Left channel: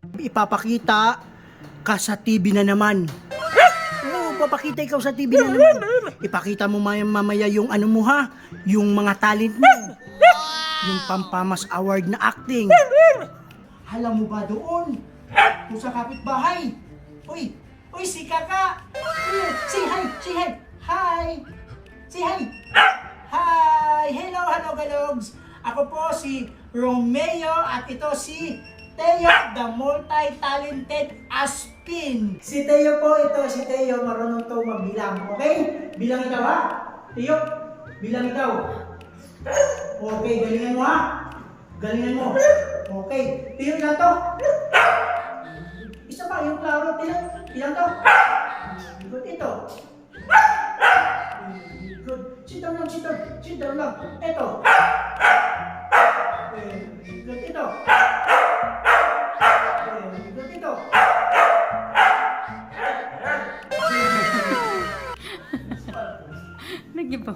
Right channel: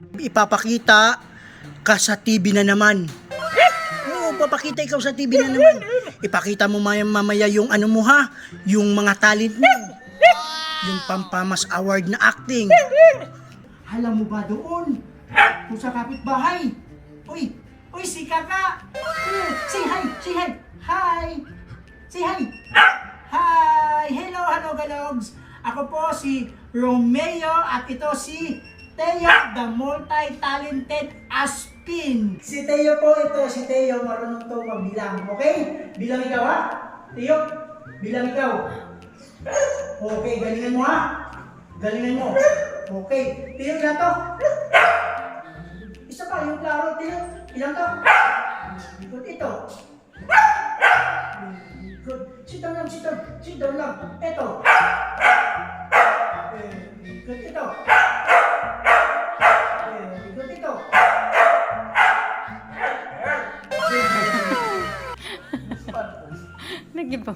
Ipapakita ka sa TV na naman. Oo, papakita ikaw sa TV na naman. Ipakita mo mamaya yung ano mo ha, yung mga talent mo. Yung Pampamas Award na acting. Alam mo ba doon? Kung sa kapitbahay. Uy, si Kaka. Say hi, say hi. Hi. Say hi. Hi. Hello, galogs. Ako po si Romeo at ito si Teo, the multi-talented Aspin. Si Teo po ito, si Teo marunong to magbilang, okay? Bilang ikaw ha? Teo, bilang ikaw. Okay, galingan mo ha? Galingan mo. Okay, Teo ilan to? Isa pa, yung klaro, Teo, ilan to? Good, ito. Good. Sit down lang. Ito. Good, ito. Good, ito. Nag-iba.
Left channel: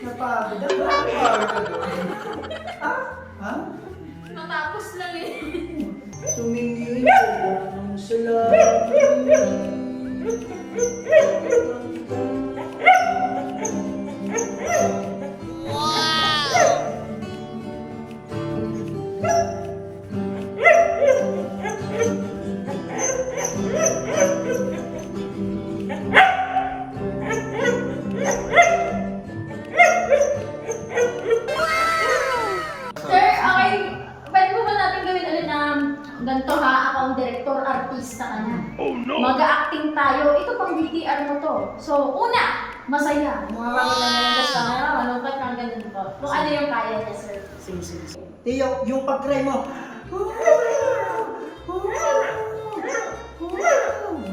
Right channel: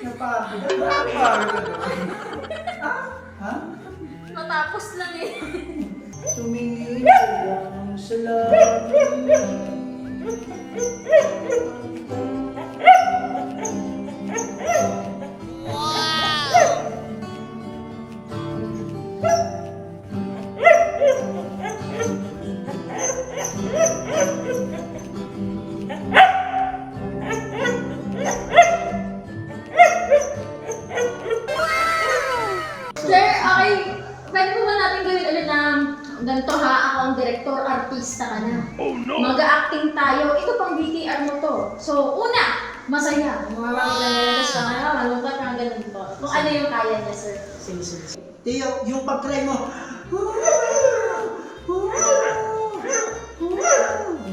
Napagod. Ha? Matapos lang eh. Tumingin lang sa langit. Ganito ha, ako ang director, artista ka na. Oh no! Mag-a-acting tayo. Ito pang BTR mo to. So, una, masaya. Mga makilalas ka na, malungkot kang ganito. Kung ano yung kaya niya, sir. Sige. Tiyo, yung pag-try mo.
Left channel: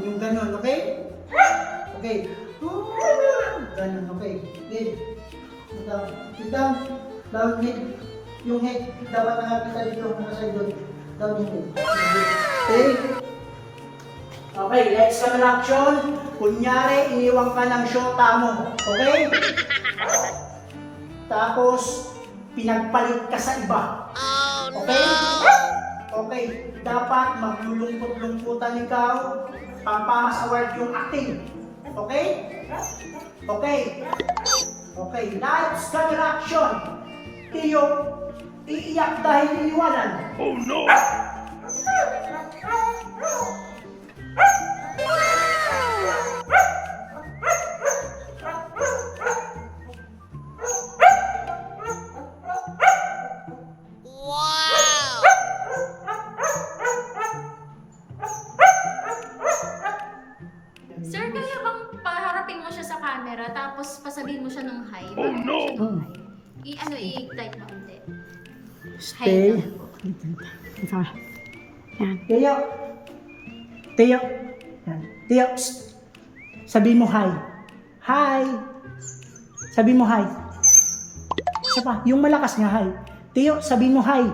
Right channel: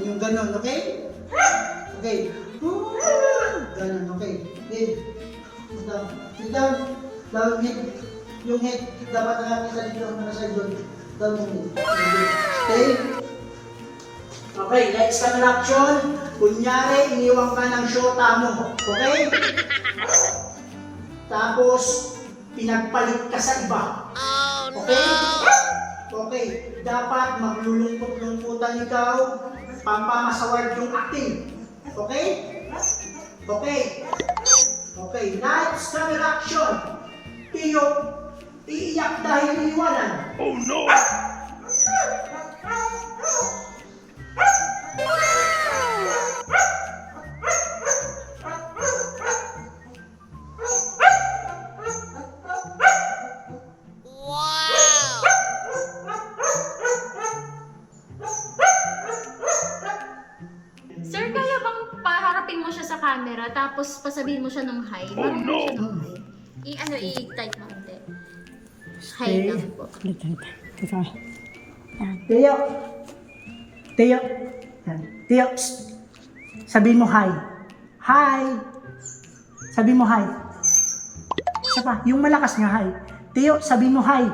Yung ganun, okay? Okay. Ganun, okay. Good. Sit down. Down head. Yung head, dapat nakakita dito, nasa doon. Down head. Okay? Okay, next camera action. Kunyari, iniwang ka ng shota mo. Okay? Tapos, pinagpalit ka sa iba. Okay? Okay, dapat maglulungkot-lungkutan ikaw. Pampamas Award yung acting. Okay? Okay. Okay, lights, camera action. Tiyo, iiyak dahil iniwanan. Oh no! Sir, kaya bang paharapin mo siya sa camera tapos pasabihin mo siya ng hi? Oh no! I-type mo hindi. Hi Stay. lang po. Ikaw. Yan. Tiyo. Tiyo. Yan. Tiyo. Psst. Sabihin mo hi. Hi. Sabihin mo hi. Isa pa. Yung malakas nga hi. Tiyo, sabihin mo hi.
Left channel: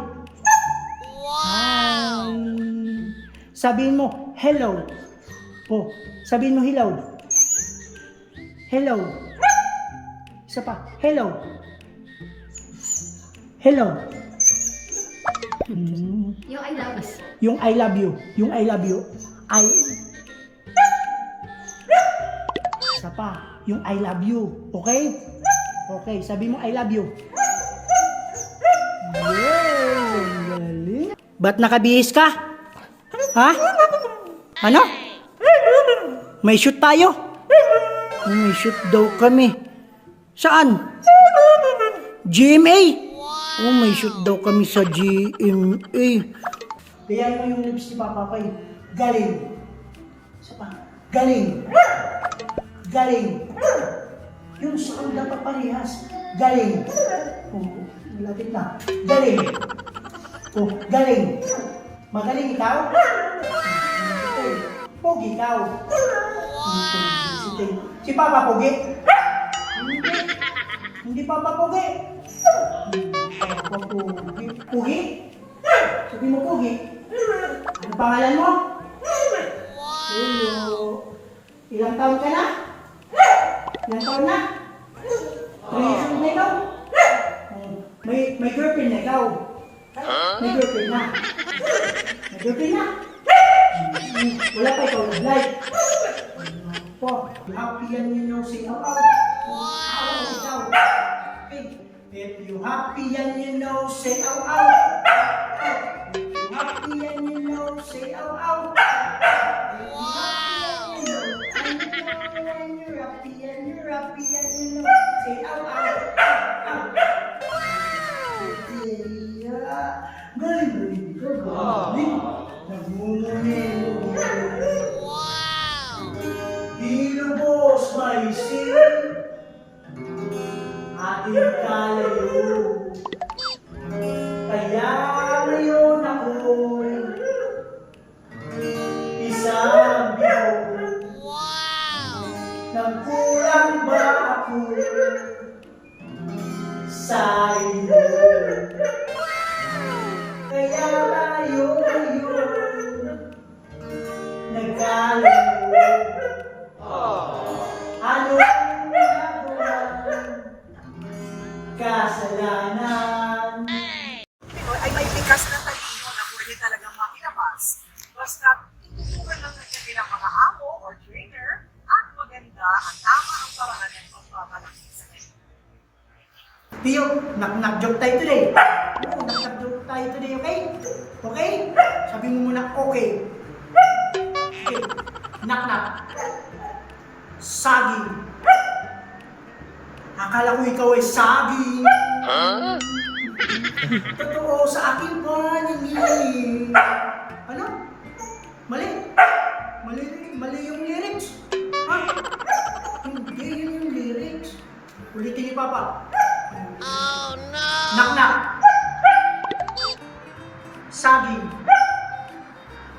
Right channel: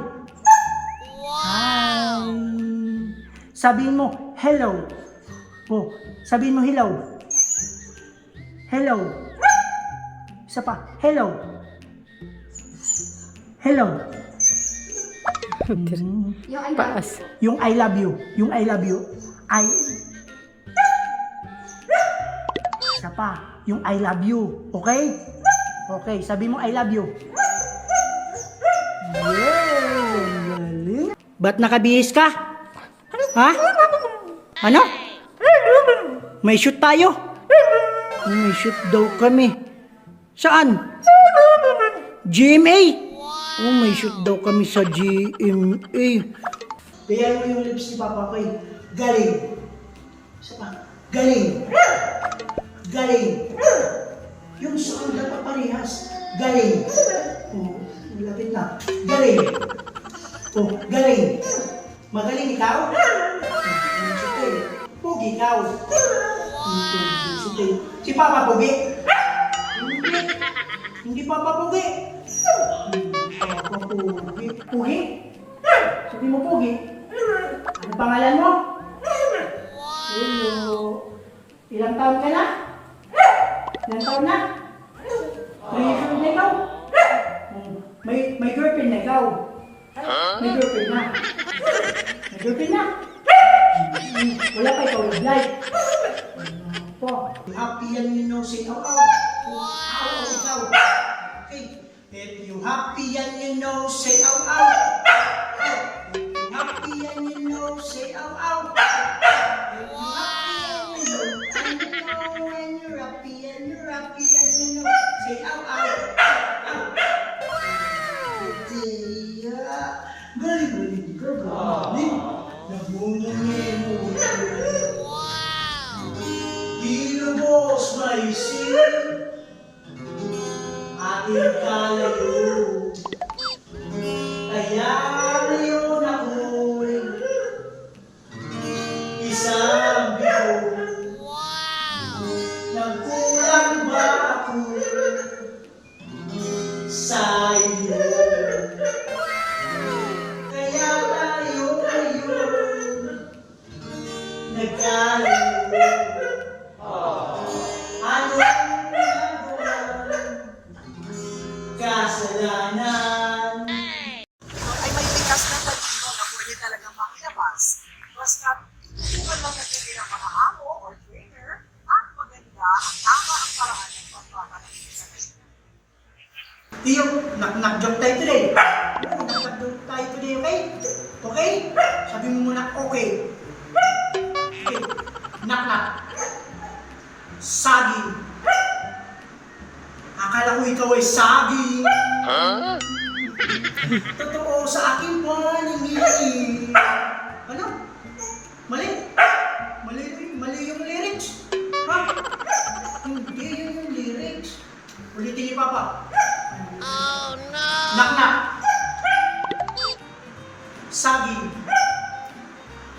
Wow. Hi. Sabihin mo hello. Oh, sabihin mo hello. Hello. Isa pa. Hello. Hello. Yung I love you. Yung I love you. Yung I love you. Isa pa. Yung I love you. Okay? Okay. Sabi mo I love you. Yay! Ang galing. Ba't nakabihis ka? Ha? Ano? May shoot tayo? May shoot daw kami. Saan? GMA? Oh, may shoot daw kami sa GMA. Bayan mo yung lips ni Papa Koy. Galing. Isa pa. Galing. Galing. Yung sound dapat parehas. Galing. Oh, lapit na. Galing. Oh, galing. Magaling ikaw? Pogi ikaw. Si Papa Pogi? Hindi Papa Pogi. Pogi? Sabi mo Pogi? Ano pangalan mo? Ilang taon ka na? Ilang taon na? 3 years old na ikaw? May girlfriend na ikaw? May girlfriend na. May girlfriend na. Wala pa ikaw nag-like. Po, happy yan you know, say ow ow. Wow! Okay. If you happy and you know, say ow ow. If you happy and you know, say ow ow. Wow! And you're happy and you're happy and you know, say ow ow. Galing ka, galing. Nagmumunin mo. Wow! Inubos may sin. Ating kalayo. Kaya ngayon ako'y isang bigo. Wow! Nagkulang ba ako sa iyo? Kaya tayo ngayon nagkalayo. Ano ang nagawa? Kasalanan. Pinoy ay may bigas na talino na pwede talagang makilabas. Basta tutukan lang natin bilang mga amo or trainer at maganda at tama ang paraan ng pagpapalaki sa kanila. Tiyo, knock-knock joke tayo today. Knock-knock joke tayo today, okay? Okay? Sabi mo muna, okay. Okay. Knock-knock. Saging. Akala ko ikaw ay saging. Totoo sa aking paningin. Ano? Mali? Mali yung lyrics. Ha? Hindi yun yung lyrics. Ulitin ni Papa. Oh no! Knock-knock. Saging.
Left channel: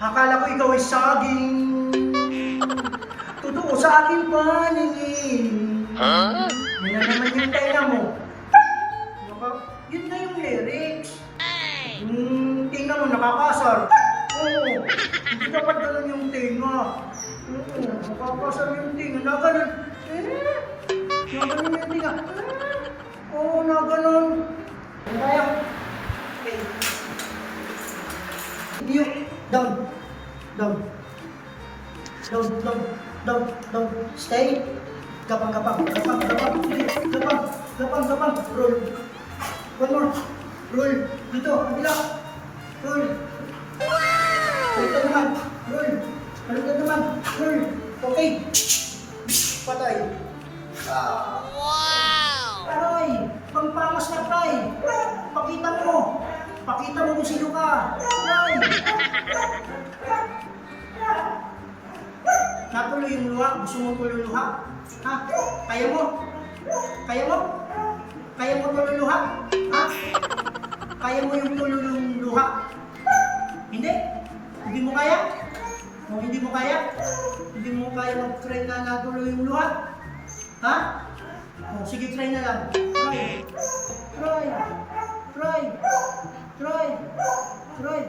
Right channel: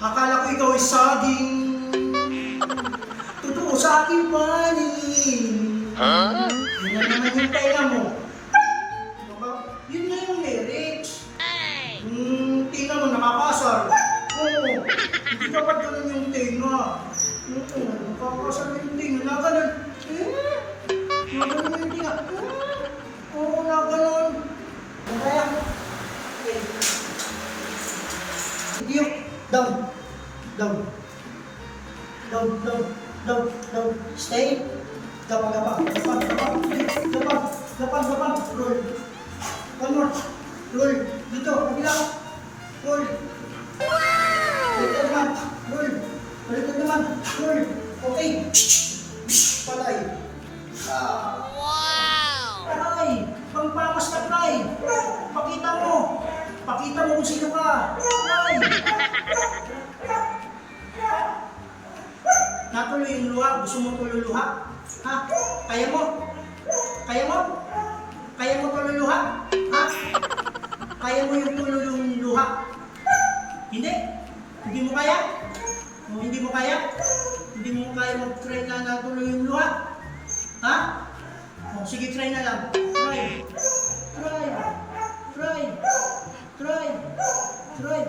Akala ko ikaw ay saging. Totoo sa aking paningin. Huh? Yun na naman yung tenga mo. Yun na yung lyrics. Yung tenga mo nakakasar. Oo. Hindi dapat ganun yung tenga. Oo. Nakakasar yung tenga. Naganon. Naganon yung tenga. Oo, naganon. Kaya. Okay. Yung down. Down. Down, down, down, down. Stay. Gapang. Roll. One more. Roll. Dito, kabila. Roll. Balikan naman. Roll. Balikan naman. Roll. Okay. Patay. Wow! Aray! Pangpamas ka, try. Pakita mo. Pakita mo kung sino ka. Try. Natuloy yung luha? Gusto mo tululuha? Ha? Kaya mo? Kaya mo? Kaya mo tululuha? Ha? Kaya mo yung tululuha? Hindi? Hindi mo kaya? O hindi mo kaya? Hindi mo kaya mag-try na natuloy yung luha? Ha? O sige, try na lang. Try. Try. Try. Try. Try.